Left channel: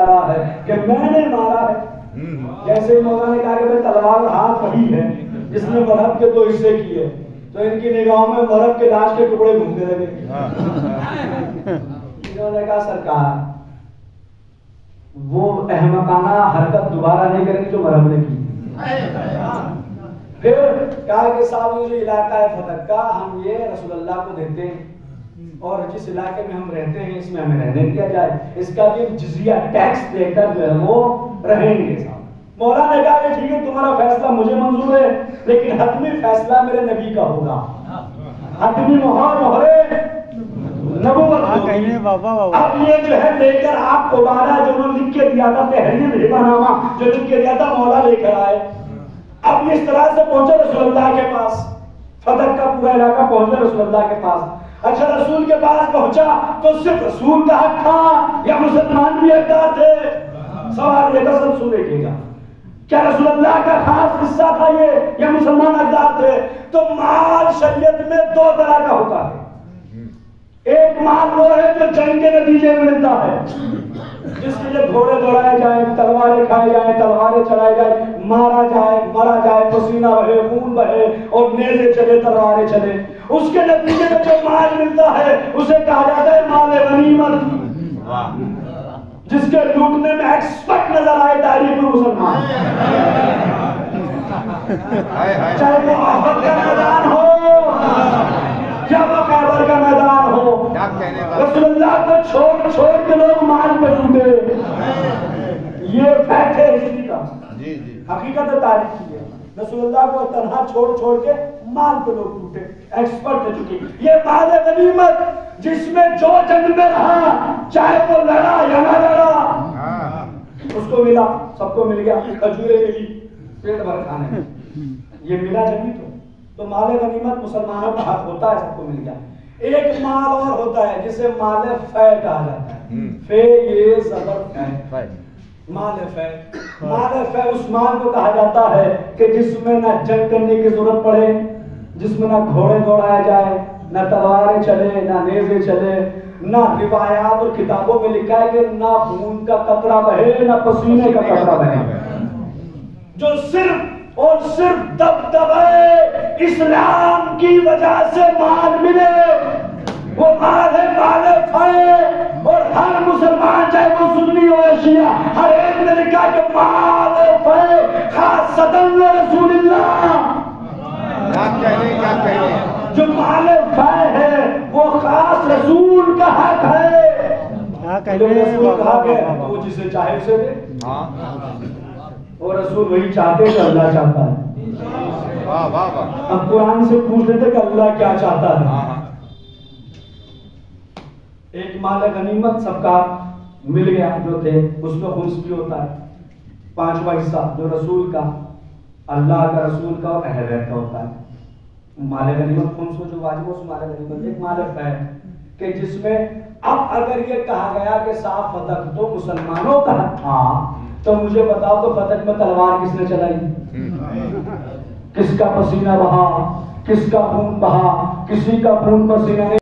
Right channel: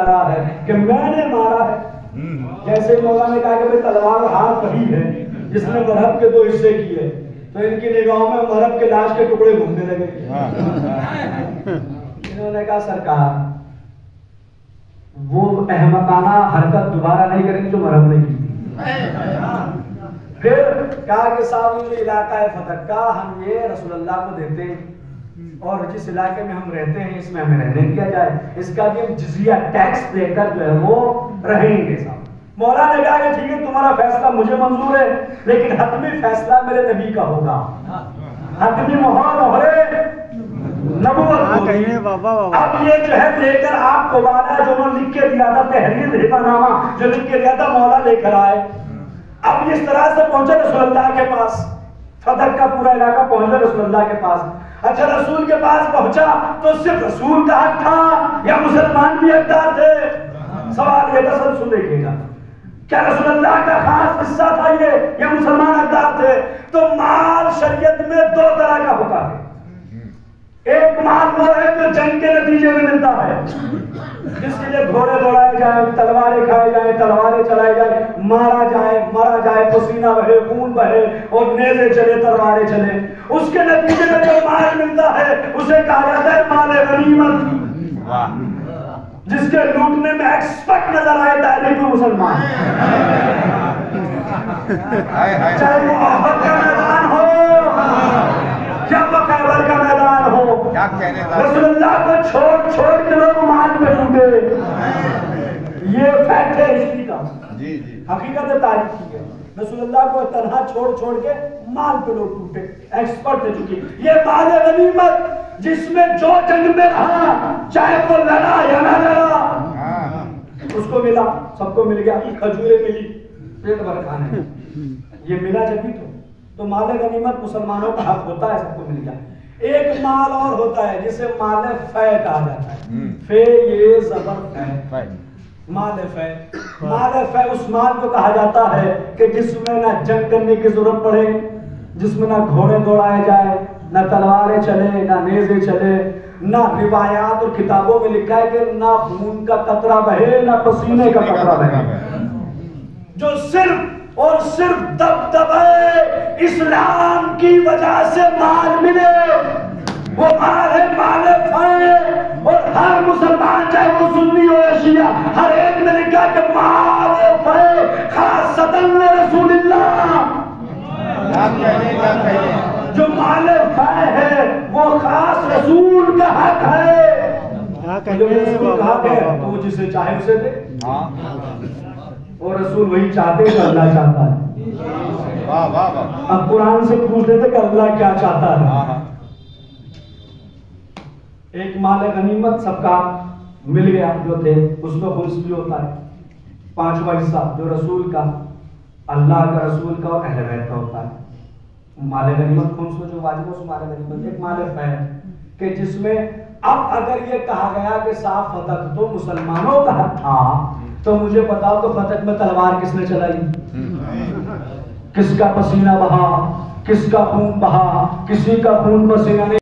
رہا ہے کہ میں نے مارا ہے. جیسے مولا نے کہا کہ تلوار ہاتھ وہی ہے جس نے مرہب کے 2 حصے کیے، تو ان کی نگاہوں میں مرہب کے لاش کے ٹکڑے گھومنے لگے. انہوں نے کہا سرکار وہ احمقانہ حرکت دوبارہ نہیں کریں گے جو مرہب نے کی. پھر کہا کہ صاحب یہ جو علاقہ ہے فتح کا ہم یہ رسول اللہ کو دیتے ہیں، اور جس علاقے میں ہم رہتے ہیں اس میں ہمیں رہنے دیا جائے، اس کا بھی ہم جزیہ ٹیکس دے کر جو ہے وہ رہیں گے. صاحب مولا نے کہا کہ ٹھیک ہے تمہارا فیصلہ مجھے منظور ہے، لیکن حتمی فیصلہ میرے نبی کا ہوگا. حتمی مہرے نبوت. اب یہ جو ہے لے کر آپ کو وعدہ جو وہ لکھ کے دیا تھا تحریر ہبہ نامہ جو لکھ کے دیا تھا مولا لے کر آئے. اب اس طرح سے پہنچے رسول اللہ کے پاس، فتح کا پورا علاقہ پہنچے رسول اللہ کے پاس. اچھا رسول کے پاس پہنچا تو صرف رسول کا حق تھا یا مسلمان بھی حقدار تھے؟ سوال یہ دراصل سن دیکھیے گا، کیا رسول اللہ کا خاص حصہ تھا یہ یا مسلمان حقدار تھے؟ تو مال شریعت میں 2 طرح کا ہوتا ہے. ایک مال وہ ہے جو جنگ کے نتیجے میں ملتا ہے، جس کے لیے گھوڑے دوڑائے جائیں، تلواریں کھائے جائیں، تلواریں چلائے جائیں، مرا جائے، پسینہ بہے، خون بہے اور نیزے چلے، تلواریں چلے. اس کے نتیجے میں جو مال ملتا ہے اسے کہا جاتا ہے مال غنیمت، جس کے لوٹنے میں ایکسپرٹ نظر آئے تاریخ مسلمان. چاہے وہ احد کا میدان ہو یا وہ خیبر کا میدان ہو، رسول اللہ کو چھوڑ کے لوگ مال پہ لوٹے. یہ فیکٹ ہے ہسٹری کا، حقیقت تاریخ کی ہے. رسول اللہ کو تنہا چھوڑ کے مال پہ لوگ لوٹے، ایکسپرٹ ہے. چکی یہ مال غنیمت جس میں جو جنگ میں رہا چاہے وہ لڑا یا نہ لڑا اس کو ملا، سب کو مل گیا. کھجوریں ملی پیٹ بھر کھانے، یہ ملا جبھی تو مال غنیمت مسلمانوں کا حق ہوتا ہے، سب کو مل گیا. ایک مال اور ہوتا ہے جسے مال فے کہا جاتا ہے. فے یہ زبر فے، مال فے. مال فے اس مال کو کہا جاتا ہے کہ جس میں نہ جنگ کرنے کی ضرورت پڑے، جس میں نہ گھوڑے دوڑائے جائے، نہ تلواریں چلے، نہ نیزے چلے، نہ روایات اور کتابوں میں لکھا ہے کہ نہ خون کا قطرہ بہے، نہ پسینے کا قطرہ بہے. جو صرف اور صرف دبدبے اسلام کی وجہ سے مال ملے وہ مال ہے مال فے. اور ہر مسلمان چاہے وہ سنی ہو یا شیعہ ہر ایک نے لکھا کہ مال فے خاصتاً رسول اللہ. جو مال فے ہے وہ خاص رسول کا حق ہے. رسول کہا گیا وہ جسے چاہے اسے دے، اور رسول وہی چاہتے کہ اللہ چاہتا ہے. اب قرآن سے پوچھ لیتے کہ اللہ کیا چاہتا ہے. ایک مال غنیمت سب کا مل گیا جو تھے، اس میں خمس بھی ہوتا ہے 5واں حصہ جو رسول کا، اللہ کا، رسول کا اور اہل بیت کا ہوتا ہے. مال غنیمت خمس میں جو واجب ہے اس مال غنیمت. ایک مال فے کہ جس میں اب اگر یہ کہا گیا کہ صاف فتح تو مسلمانوں کا حق تھا تو مجھے بتاؤ کہ فتح میں تلوار کس نے چلائی؟ کس کا پسینہ بہا، کس کا خون بہا؟ کسی کا خون پسینہ نہیں.